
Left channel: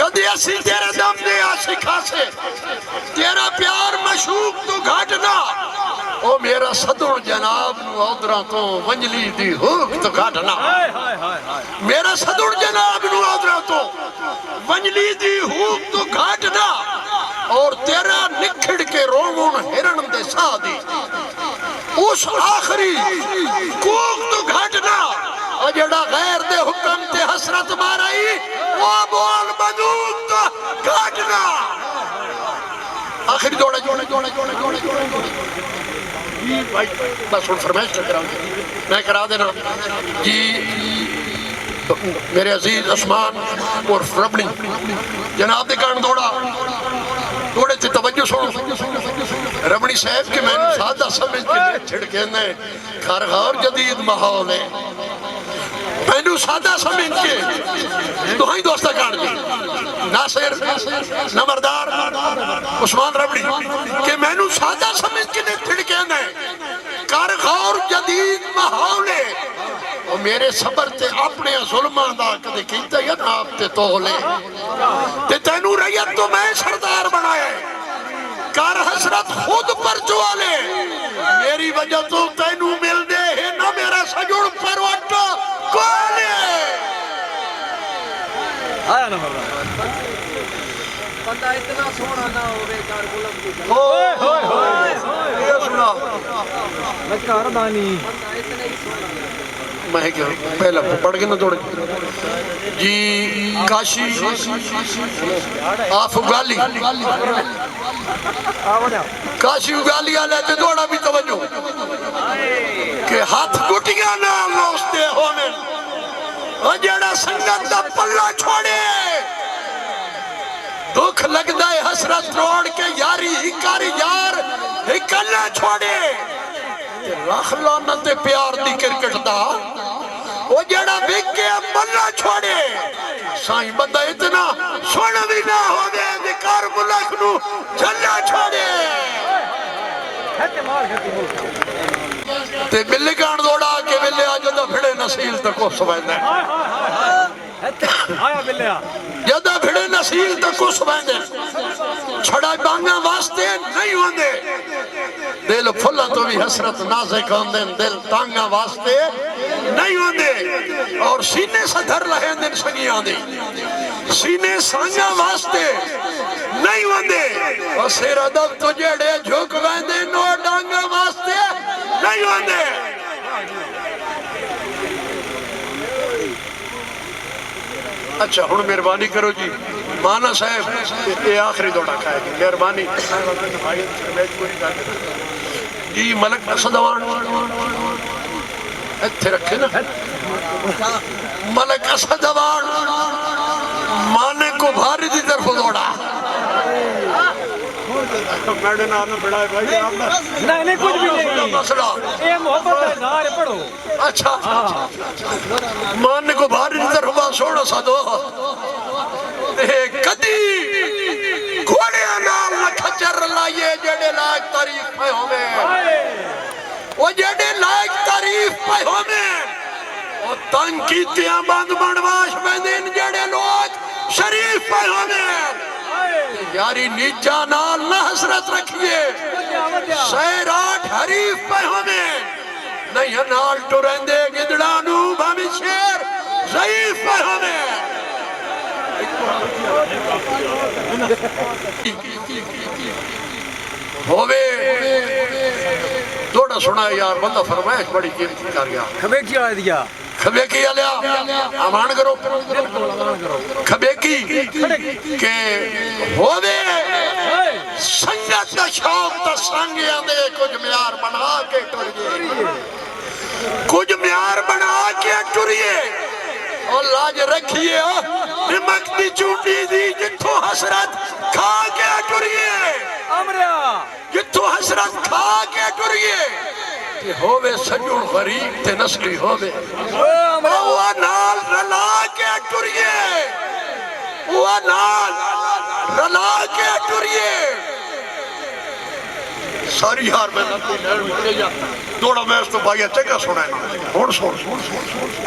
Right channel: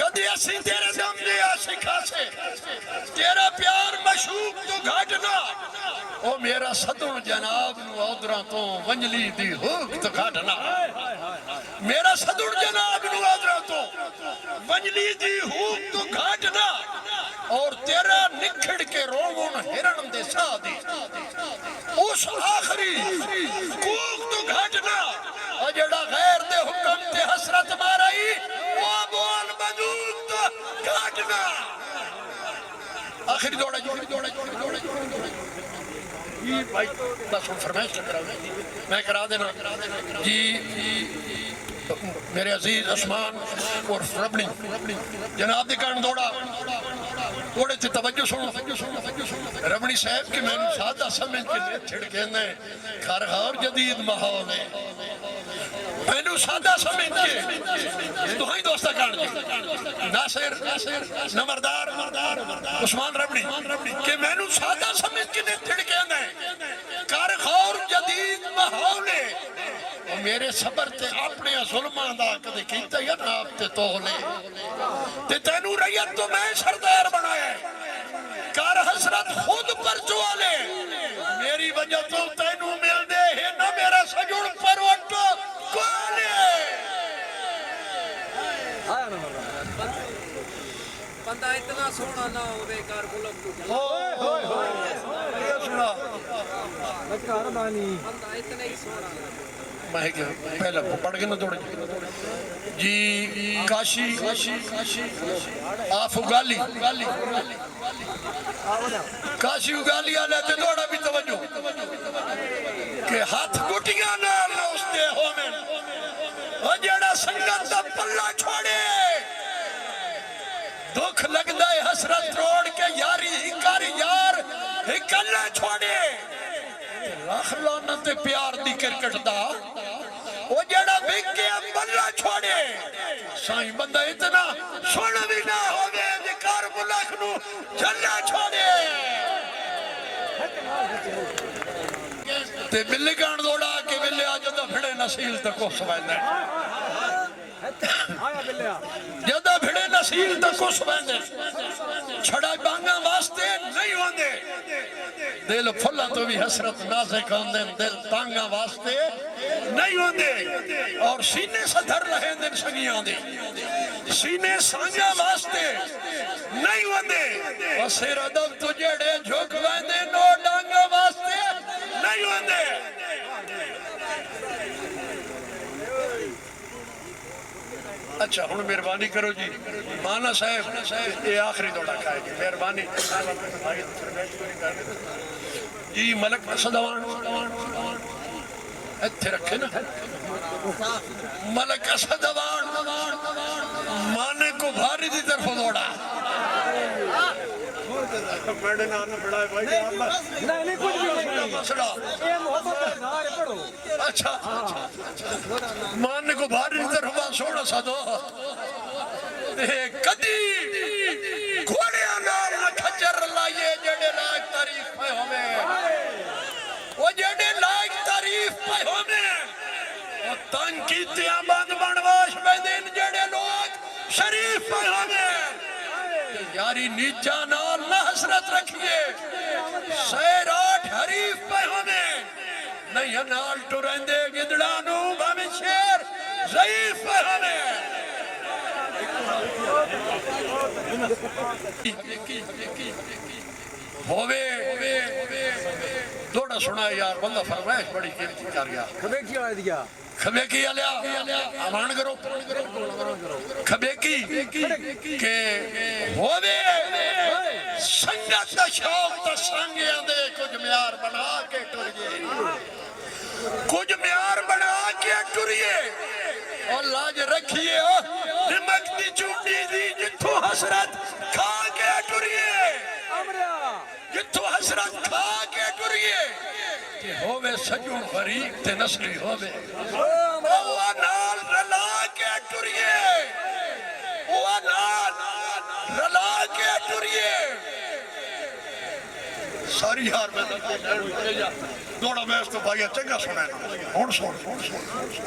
कदी असी तेरे दम दे आशिक हासे तेरा प्यार मशूक तो घटना ओ मेरा सदुण जनाब नु औदरा तो वंजली दी हुक तो घटना मेरा सदुण जनाब नु औदरा तो वंजली दी हुक तो घटना और तेरा निखड़ के रोवण हिरण दे सादी उस आखिरी कूक तो घटना और जेड़ा गैर दे हुक्म ते हसरत माराई वो बोल बंदूक तो घटना आखिरी दौड़े जोड़े जोड़े जोड़े जोड़े जोड़े भाई बस उन फरमाइश करा मैं करा देना जी मेरे अजीज उस्मान और रबड़ी जनाब दे कान दौड़ा थोड़े से तवज्जो सुनो रबड़ी साहब के मैंने सादा समझ के छिड़के ने घर घर जदीद माहौल है मैंने सादा समझ के दुहाई दोस्ता कान जी नासिर नंबरदार उस्मान रबड़ी के मैंने सादा समझ के छिड़के ने घर घर जदीद माहौल है और मेरे सबर ते अपने जुल्मां दा कदे कीता या ना आप ते तोले ते तैनू रैयत तो मैं सरदार बनाया कर हसरत खुद पर जुआले मेरी वजह तो तैनू मिल दे है ना मेरा सजुड़ परवट कोले आया ना बंदा इतना सोना ना होवे कर गुलाम की ये सुना मैं कर दानी बंदा इतना ही सोना मैं क्या पहला पढ़ के ना थोड़े जी काशी आप उगाली काशी उगाली वाले ते थोड़ा भी तवज्जो के हाथ गुटियां ना लोसते होने ओ जेड़ा संगत दा पल्ला छोड़े दुख लगदा है हसरत रोड़ के यारी हिकारी यार हिकल्ला छोड़े रख लाना ते प्यार दी क्रिकेट दा ओ जेड़ा विके बल्ला छोड़े साईं बंदा इतना सुन भी ना होवे जे कर मुल्क नु झल्ला छोड़े ते बिल्ली कान दौड़ा के बिल्ले आ जदा फिड़े नसील तक को सवैंदा आया बिल्लिया जदा फिड़े नसील तक को सवैंदा छड़ा बांगा वास्ते नहीं होंदे दिल फुल्ला तो भी हसरत नाज़िक होंदे दिल तांगा वास्ते नहीं होंदे और सीने सधर रहे दिन सगियां दे सीने सांगा वास्ते नहीं होंदे और सिर अदब तो जेड़े झुक वेंदे नो डांगा वास्ते नहीं होंदे अच्छा हुण मेहरबानी करो जी माना साहब ये आखिरी दौड़ा खाएगी मेहरबानी जी मलक असदवान इत्थे रखे ना मलक असदवान माने को भारी की तरफ दौड़ा मैंने नाम बड़ा भाई नहीं कुछ भी नहीं मसला ये मोहब्बत का इजहार है, पढ़ो। अच्छा माने को भारी की तरफ सोना सा दो कदी घोड़े नाल न खच्चर लाइए जेड़े लायक तारीफ पे होवे वो जेड़े लायक तारीफ पे होवे वो तंग कीतियां बंद बनवाश बंदेन जेड़े लोग शरीफ पे होवे यारी नीचा नाल न हसरत रखिए सैराट हरीफ पे होवे नहीं नाल टुरेंदे गिदड़ा नू भाਵੇਂ शेर ज़ईफ पे होवे होवे थोड़ा सुना यार बंदा फरमाइश बड़ी कीमती कर गया खबे क्या दिया खबे की आलिया अमान करो खबे की के होवे संगत दा शौक दा संगियां दे कुछ म्यार बना के टुरिए कुछ म्यार बना के टुरिए और लाज रखिए निमक दी चूटी दी जिथों हसरत खा के टुरिए अमरिया जिथों हसरत खा के टुरिए ते होवे सजून गरीब ते नस्ली होवे वो नाल रला के टुरिए वो नाल रला के टुरिए सारी हार में दौड़ा मैं तो भाई चंगा सुना हुण सुन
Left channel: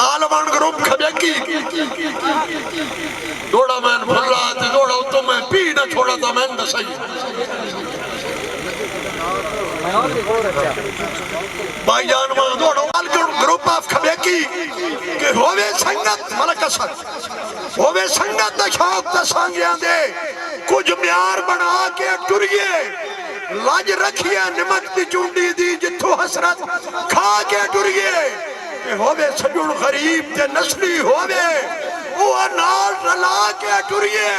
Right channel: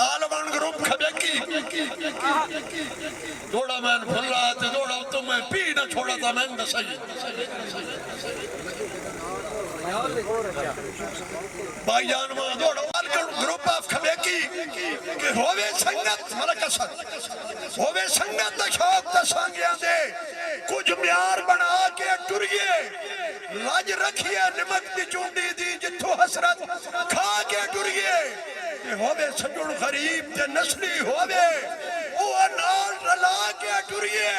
आलमान ग्रुप खबे की दौड़ा मैं भुला ते दौड़ा तो मैं पी ना छोड़ा था मैं दसई भाईजान मां दौड़ो ग्रुप ऑफ खबे की के होवे संगत मलक असद होवे संगत दा शौक दा सांगियां दे कुछ म्यार बना के टुरिए लाज रखिए निमक दी चुंडी दी जिथों हसरत खा के टुरिए होवे सजुण गरीब ते नस्ली होवे वो नाल रला के टुरिए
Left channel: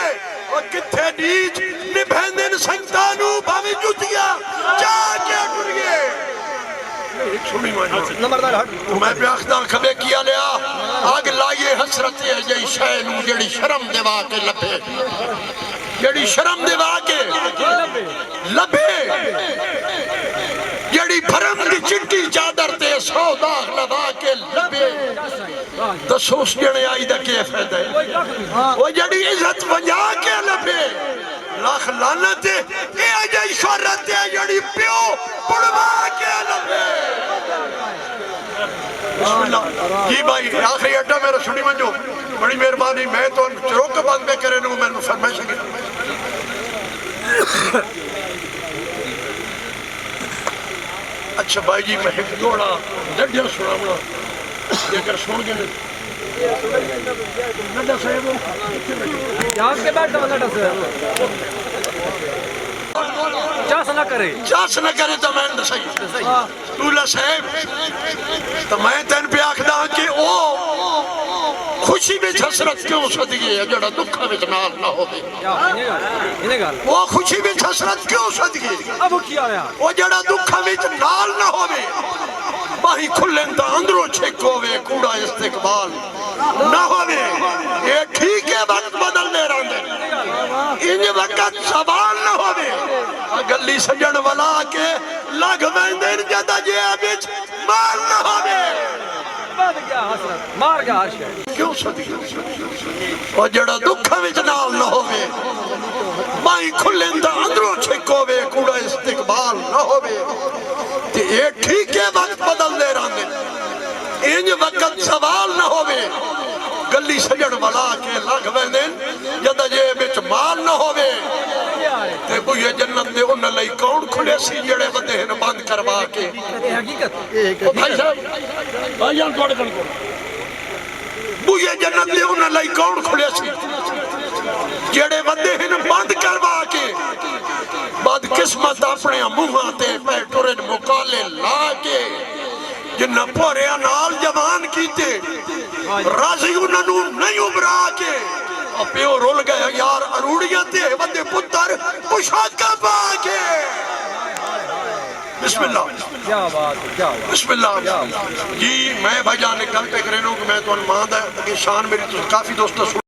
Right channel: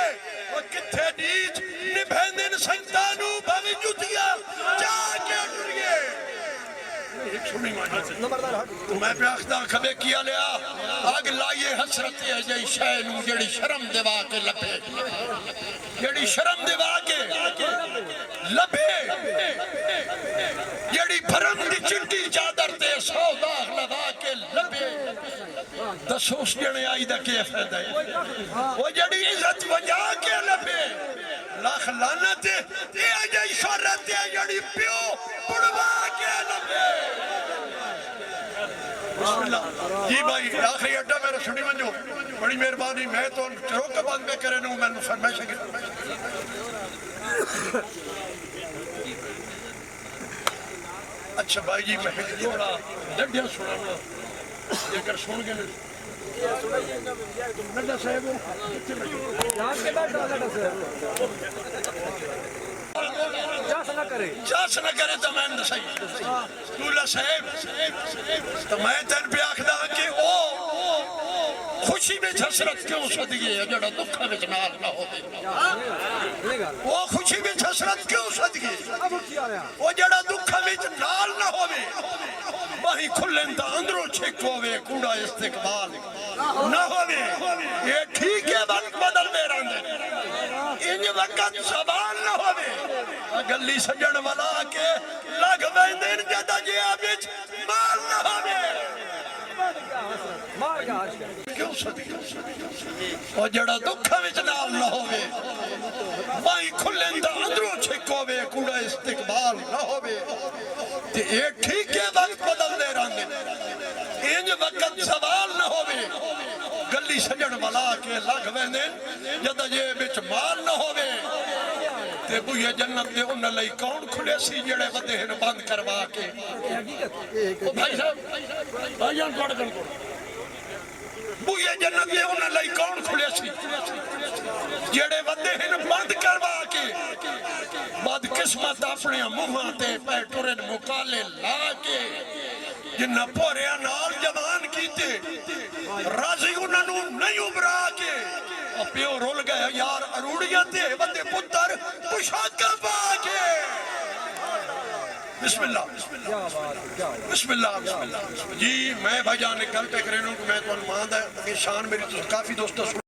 और किथे नीच निभेंदन संतानू भावे जुतिया जा के टुरिए सुनी नंबरदार हट मैं ब्याखदा खबे किया लिया आग लाइए हसरत है जई शय नू जेड़ी शर्म देवा के लभे जेड़ी शर्म देवा के लभे जेड़ी भरम दी चिट्टी चादर ते सौ दाग लगा के लभे दसो उस जने आई दा क्या फायदा है वो जेड़ी इज्जत बजा के लभे लाख लानत ये अजय शोहरत है जेड़ी प्यो पड़वा के लभे बिस्मिल्लाह जी भाई आखिरी अड्डा मेरा सुनी मंजो बड़ी मेहरबानी मैं तो चरोक बंद में करे नू मैंने फरमाइश की अच्छा भाई जी मैं एक जोड़ा डड्डिया सुनावना जेकर सुन के नड्डा साहब यहाँ के बैठ नड्डा साहब चास न करे तो मैं दसई दूल्हा साहब तो मैं तेन पे आखदा कि ओ खुशी में हसरत क्यों सदगी है जड़ा दुख में नाल ना होवे वो खुशी में हसरत क्यों सदगी अब क्या आया वो जड़ा दुख में नाल ना होवे बाही खुलन ता अंदरों छेक होवे कूड़ा इस्तिकबाल ना होवे ये ठीक है वक्त बदलने रहंदे इन वक्त सवाल ना होवे गली सजन वाला के लग वेंदे जदा जे विच माल ना होवे मार गया हर्ष क्यों सदी और जड़ा दुख विच नाल ना होवे बाई खुलन दा अंदरों छेक होवे कूड़ा इस्तिकबाल ना होवे ते ये ठीक है वक्त बदलने रहंदे इंज वक्त सवाल ना होवे गली सजन वाला के लग वेंदे जदा जे विच माल ना होवे ते बुए जन्नत दे उन लई कौन खुले सी जेड़े बंदे हन बंद करवा के हकीकत भाई साहब भाई जान थोड़े कन को बुए जन्नत दे उन लई कौन खुले सी जेड़े बंदे हन बंद करवा के बाद किस्मत अपने मुंहां ते पैटुरे मुकाले ला के जिन्ना भोरिया नाल जवान कीते राजी उन्होंने नहीं उभरा के और प्यो रोल गए यार अरूड़िया ते बंदे पुत्र पोशाका पा के बिस्मिल्लाह क्या बात है, क्या बात। बिस्मिल्लाह जी मैं भाईजान ने गल पे करे कि मैं तो मान दा शान मेरी तो काफी दोस्तों